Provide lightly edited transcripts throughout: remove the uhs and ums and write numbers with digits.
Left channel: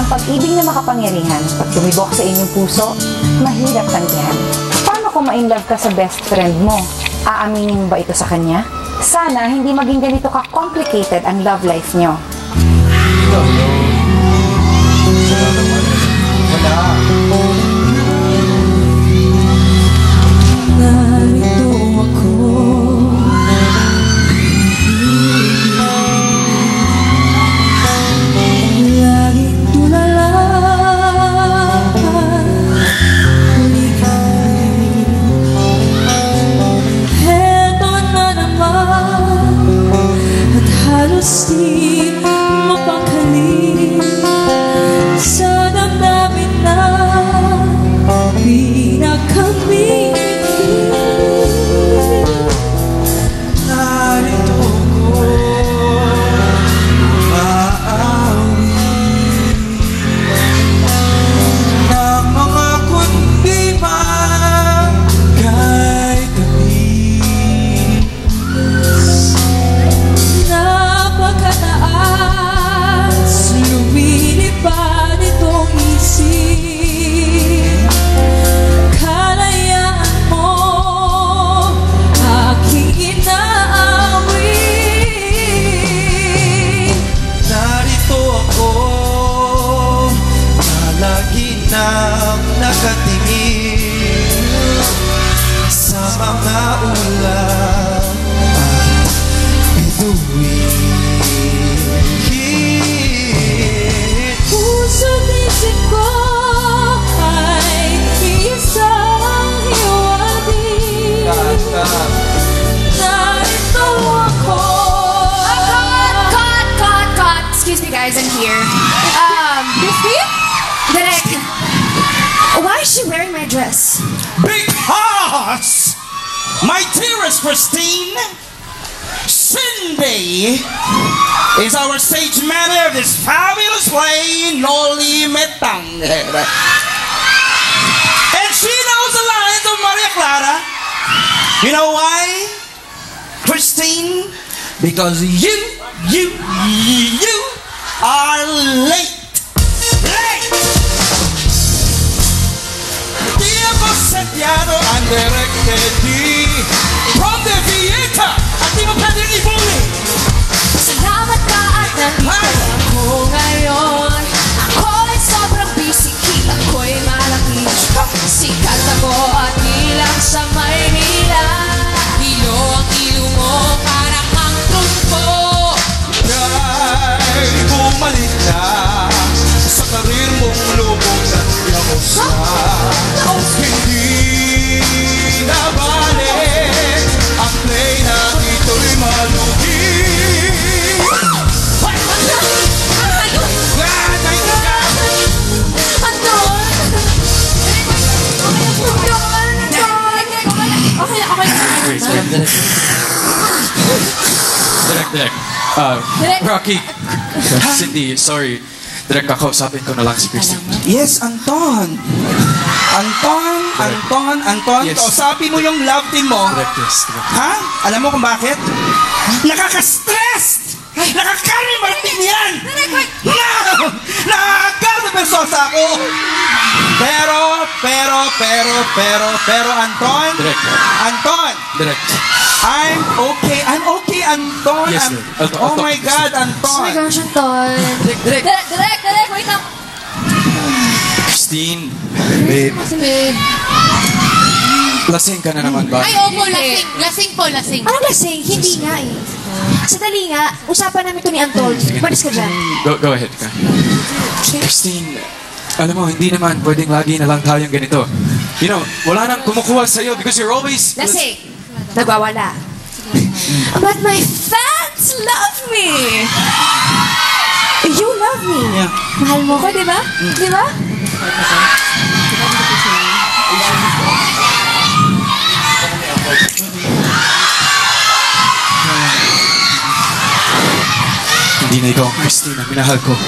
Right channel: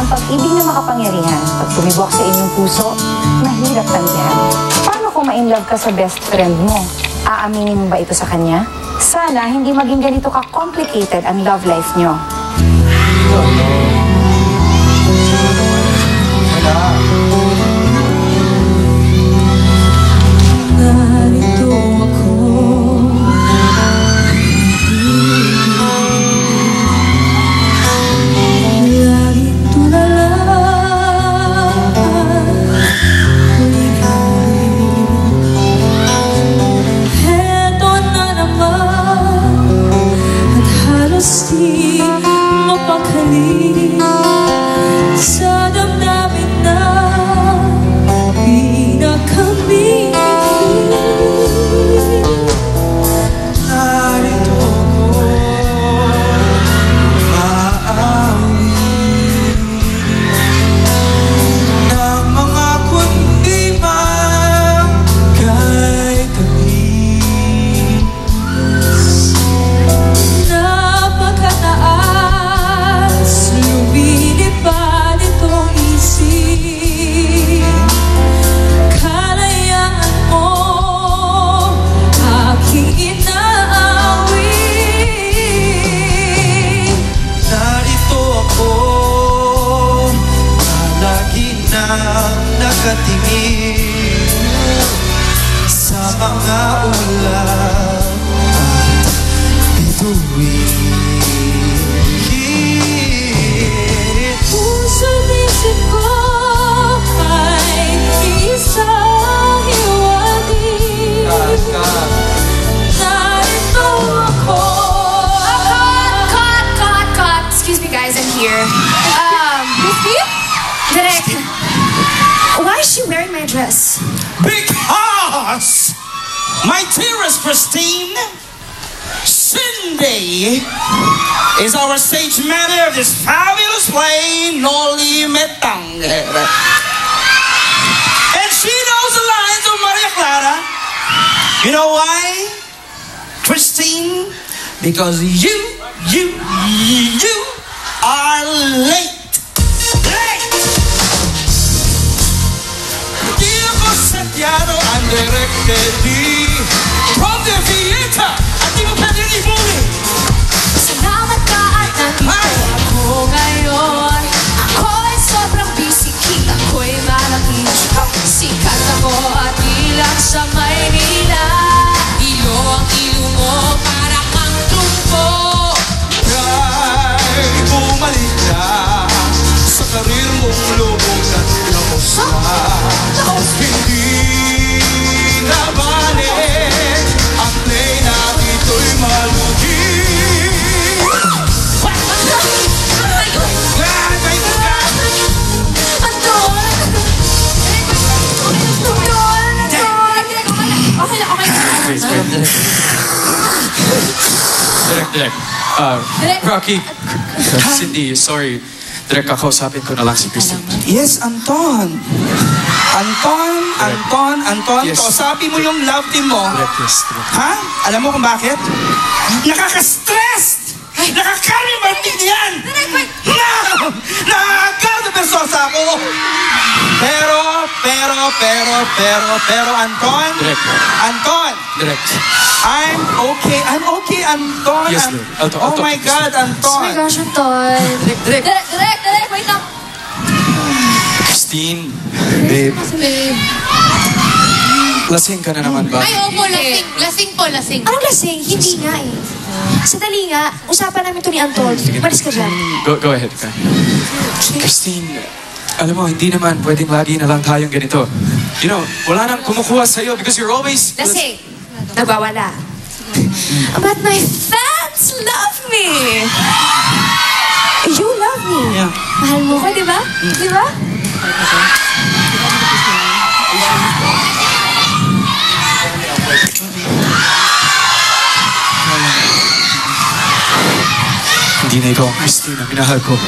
Ang pag-ibig na makapangyarihan, pag tumibok sa inyong puso, mahirap tanggihan. Paano kung ma-inlove ka sa best friend mo? Aaminin mo ba ito sa kanya? Sana hindi maging ganito ka-complicated ang love life nyo. Di mapakali sa damdamin na pinakami. Narito ko maawi ng mga kundi magkay kami. Napakataas, lumilipad itong isip. Kalayaan mo, aking inaawi. Narito ako, palagi nang nakatingin sa mga ulam at bituin. Why is she wearing my dress? Because my dearest Christine, Cindy is our stage manager of this fabulous play, Noli Me Tangere. And she knows the lines of Maria Clara. You know why, Christine? Because you are late. Settiano ang direct ready from the theater at di mo pwedeng ibuli. Salamat ka at nandito ako ngayon. Ako'y sobrang busy, ako'y malaki. Sikat ako at bilang sa Maynila. Iyo ang ilong mo para kang trumpo. Kaya bumalik na sa karir mong lumutan ng usa. Hindi na balik ang play na ito'y malugi. Direk. Rocky. Cindy, sorry. Direk, kakausapin ko na lang si Christine. Yes, Anton. Yes. Kausapin mo yung love team mo. Direk, yes. Ha? Alam mo kung bakit? Nakaka-stress! Nakaka-Martin yan! No! Nakaka-bersosa ako! Pero, Anton! Direk. Anton! Direk. I'm okay, Anton! Yes, oh my God, Anton! Oh my gosh, Anton. Direk, wait lang. Christine, babe. Babe. Lasing ka na naman ba? Ay, opo, lasing. Lasing po, lasing. Anong lasing? Hindi nga eh. Sandali nga, usapan namin ito ni Anton. Paris ka dyan. Go ahead. Christine, alam mo, hindi naman pwedeng lagi na lang tayong ganito. You know, wala nang kumukuha sa'yo because you're always... Lasing. Nagwawala. But my fans love me. You love me. Yeah. Mahal mo ko, di ba? Di ba? Hindi na ikaw ang Christine na minahal ko.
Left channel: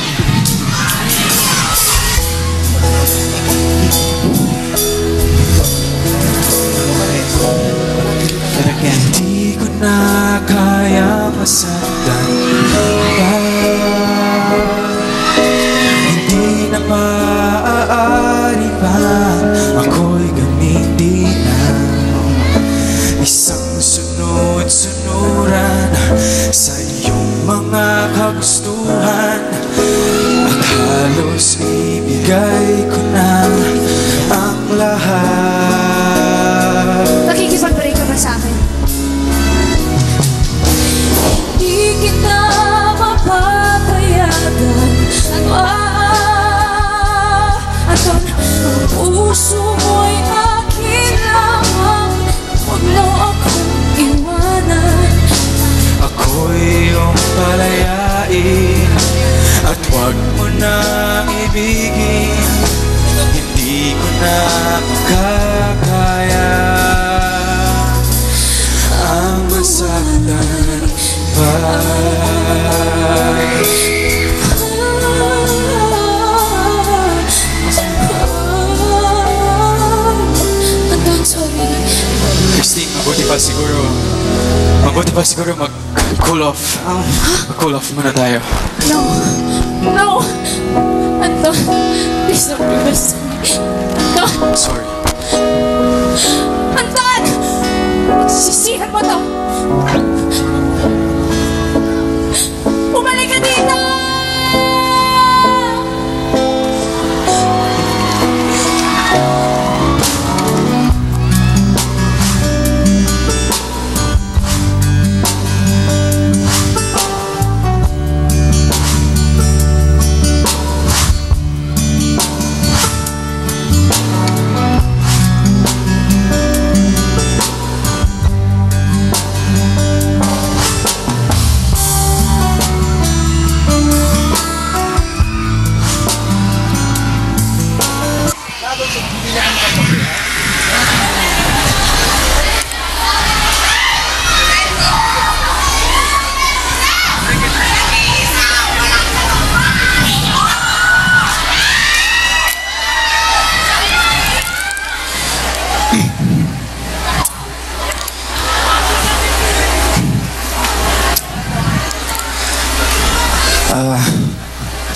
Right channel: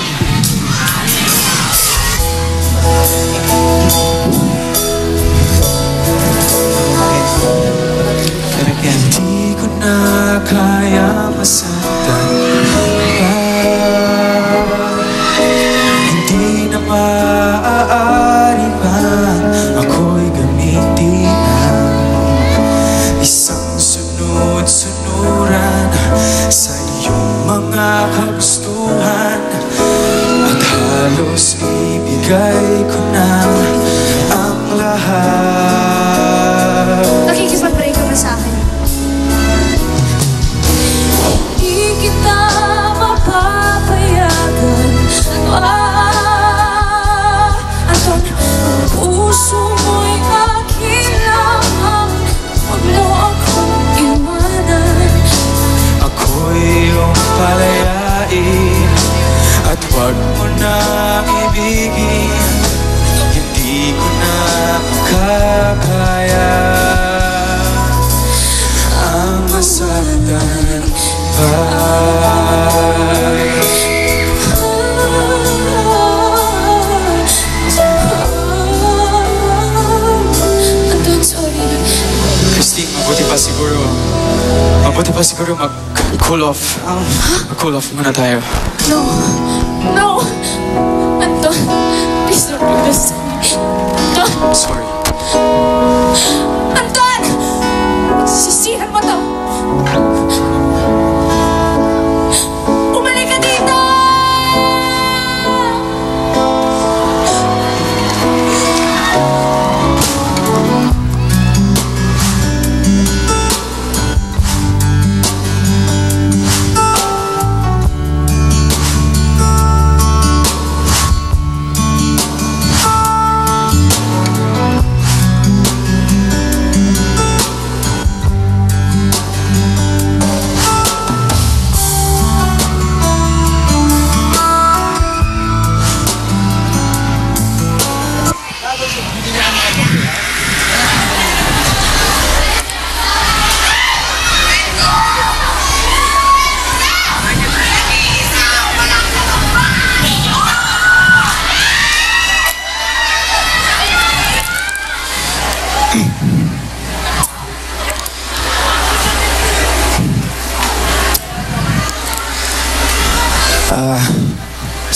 Hindi ko na kaya masaktan pa. Hindi maaari pa ako'y gamitin isang sunod-sunuran sa iyong mga kagustuhan at halos ibigay ko na ang lahat. Nakikipag-pray ko na sa akin. Hindi kita mapapayagan. Anton, ang puso mo'y aking lamang. Huwag mo akong iwanan. Ako'y iyong palayain at huwag mo na ibigin. Hindi ko na makakaya ang masaktan pa. Anton, sorry. Christine, mabuti pa siguro mag-cool off. Mag-cool off muna tayo. No! Anton, please don't do this. Anton! Sorry. Anton! Sisihan mo to! Umalik ka dito!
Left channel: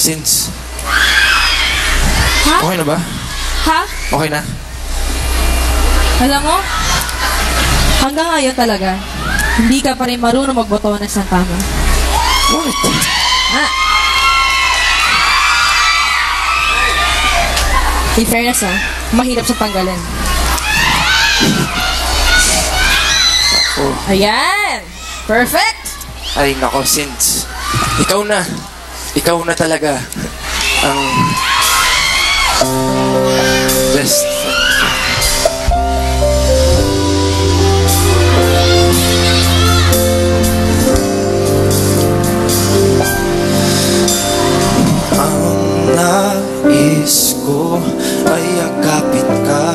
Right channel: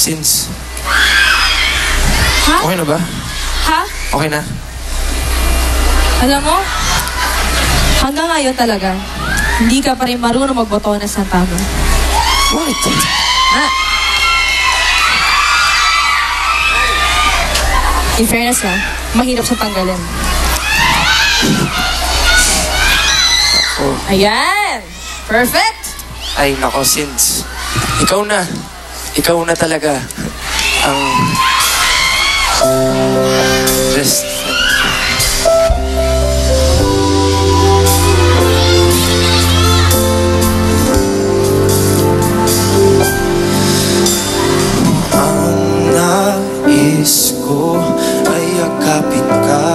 Since... Ha? Okay na ba? Ha? Okay na? Alam mo, hanggang ngayon talaga, hindi ka pa rin marunong magbotones ng tama. What? In fairness na, mahirap siya tanggalin. Oh. Ayan! Perfect! Ay, nako, since... Ikaw na talaga ang best friend. Ang nais ko ay yakapin ka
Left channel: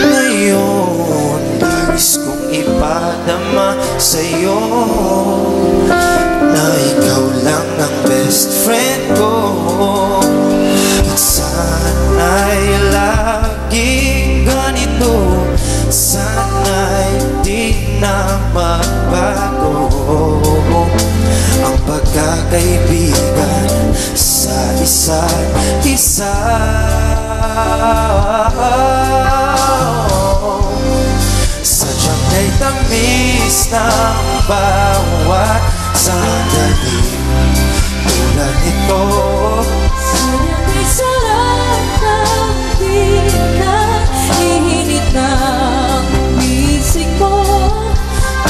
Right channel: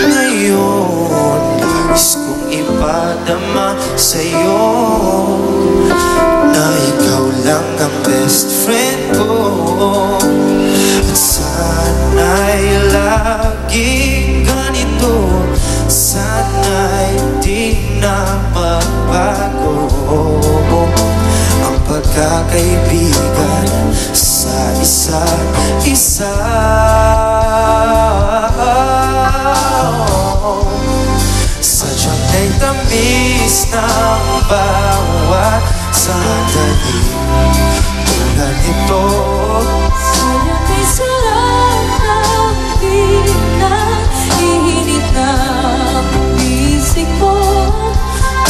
ngayon. Nais kong ipadama sa'yo na ikaw lang ang best friend ko. At sana'y laging ganito, sana'y di na magbago ang pagkakaibigan sa isa't isa. Sadyang may tamis ng bawat sandali tulad nito. Sayang may sarap ng bilang ihinit ng bisig mo.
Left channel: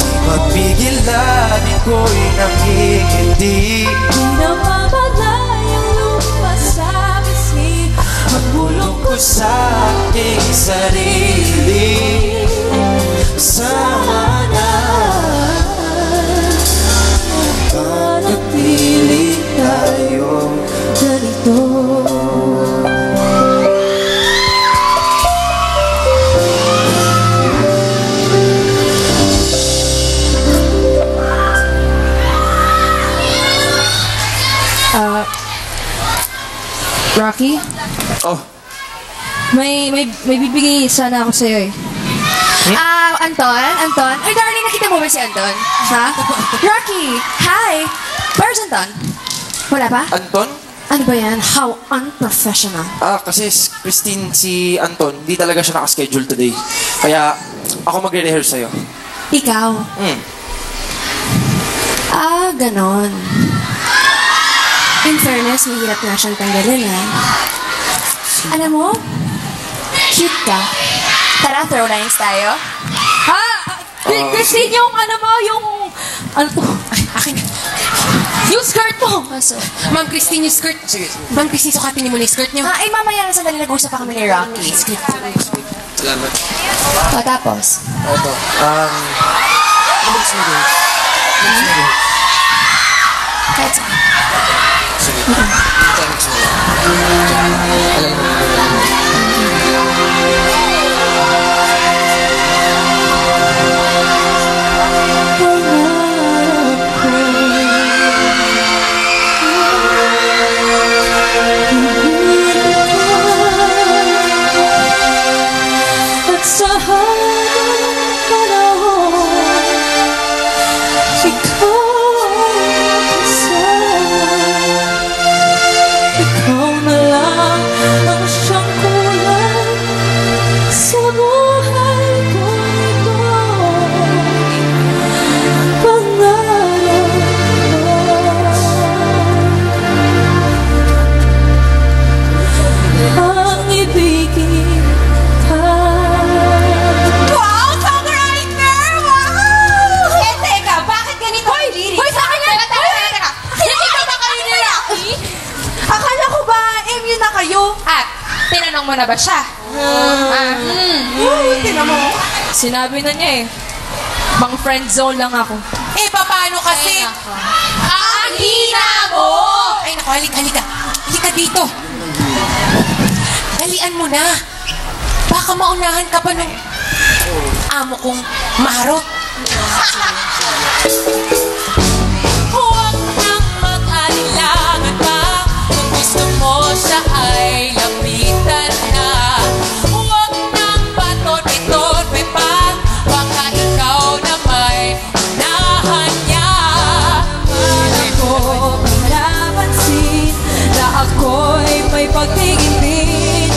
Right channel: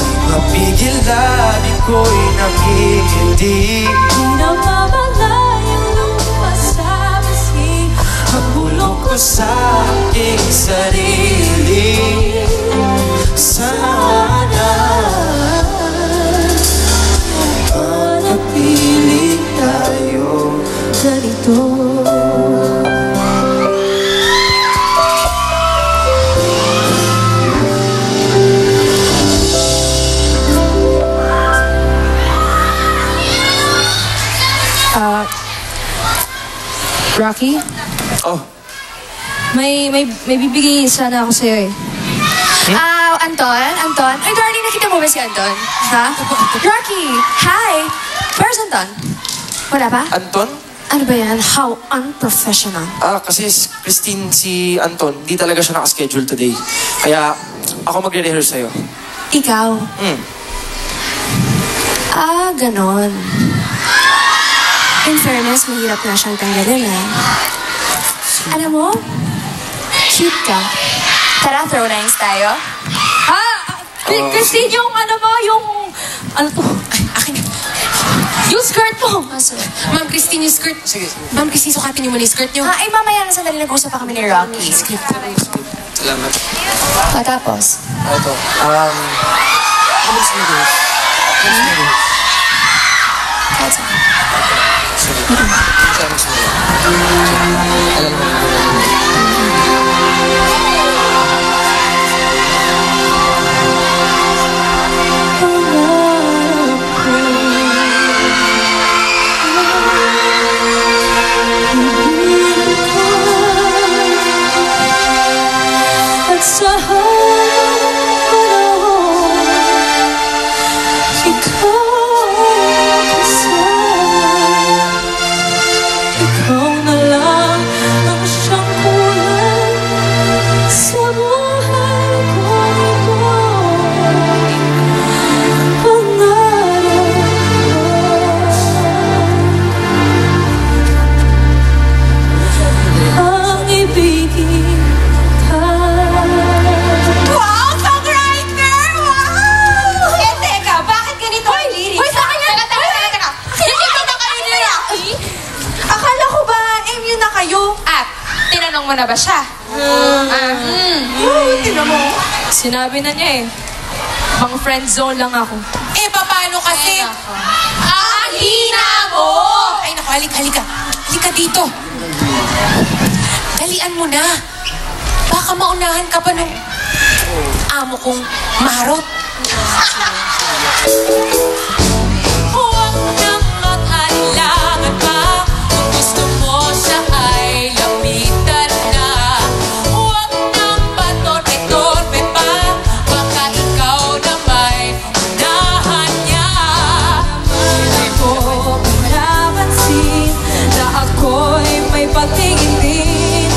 Di mapigilan, iko'y nangingiti. Di napamalayang lumas sa bisig Ang bulong ko sa aking sarili. Sana manatili tayo ganito. Rocky, Oh, may bibigay sana ako sa'yo eh. Anton? Ay, darling, nakita mo ba si Anton? Ha? Rocky, hi! Where's Anton? Wala ba? Anton? Ano ba yan? How unprofessional. Kasi Christine, si Anton, di talaga siya nakaschedule today. Kaya ako magre-rehearse sa'yo. Ikaw? Ganon. In fairness, mahirap na siyang tanggalin, ha? Alam mo, cute ka. Tara, throw lines tayo. Ha? Christine, yung ano mo, yung... Ano to? Ay, akin. Yung skirt mo. Ma'am Christine, yung skirt. Sige. Ma'am Christine, sukatin niyo muna yung skirt niyo. Ay, mamaya na sandali nag-usap pa kami ni Rocky. Salamat. Tapos? Ito. Bilis. Sige. Alam mo. Tinanong mo na ba siya? Tinan mo. Sinabi na niya eh. Mga friend zone lang ako. Paano kasi? Ang hina mo! Ay, naku, halika. Halika dito. Dalian mo na. Baka maunahan ka pa nung amo kong marot. Huwag nang mag-alilangan pa. Kung gusto mo siya ay lapitan na. Huwag nang patorpe-torpe pa. Baka ikaw na may unahan niya. Hindi ko pinapansin na ako'y may pag-ibig.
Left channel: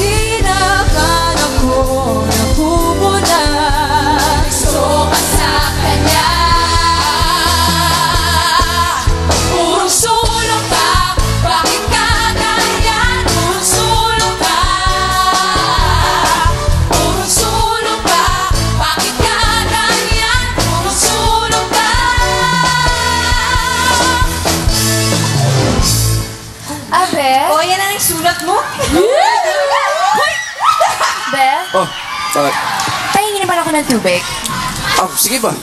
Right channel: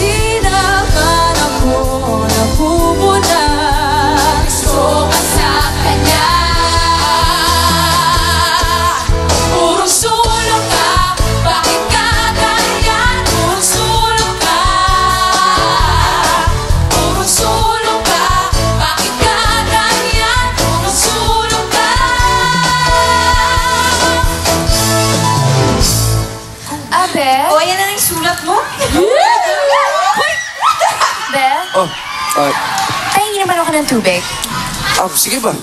Di na akala ko napupuna. Gusto ka sa kanya. Puro sulong ka, bakit ka ganyan? Puro sulong ka. Puro sulong ka, bakit ka ganyan? Puro sulong ka. Abe? Yan na yung sulat mo? Be? Bakit? Pahingin naman ako ng tubig. Sige ba?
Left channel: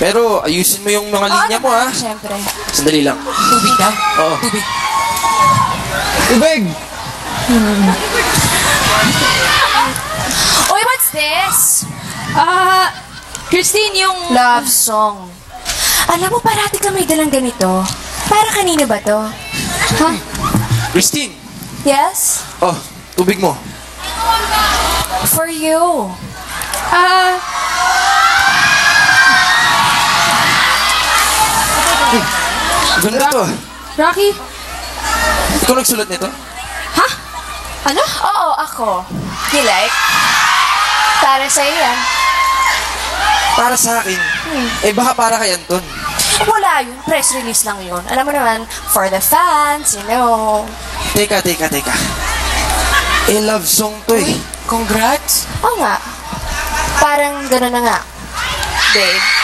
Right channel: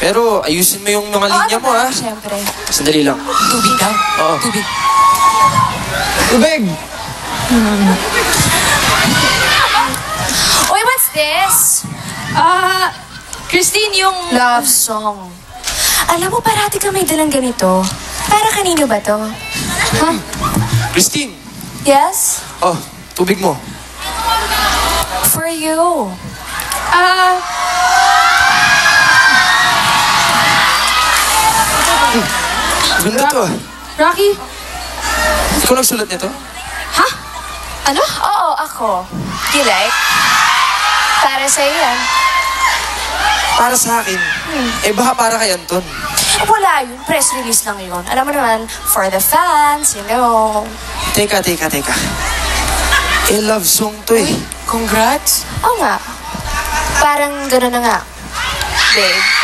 Pero ayusin mo yung mga linya mo, ha? Siyempre. Sandali lang. Tubig daw. Oo. Tubig. Tubig! Uy, what's this? Christine, yung... Love song. Alam mo, parati ka may dalang ganito. Para kanino ba to? Huh? Christine! Yes? Tubig mo. For you. Ganda to. Rocky? Ikaw nagsulat nito? Ha? Ano? Oo, ako. You like? Para sa'yo yan. Para sa akin. Baka para kay Anton. Wala yun. Press release lang yun. Alam mo naman, for the fans, you know. Teka. Love song to eh. Congrats. Oo nga. Parang gano'n na nga. Babe.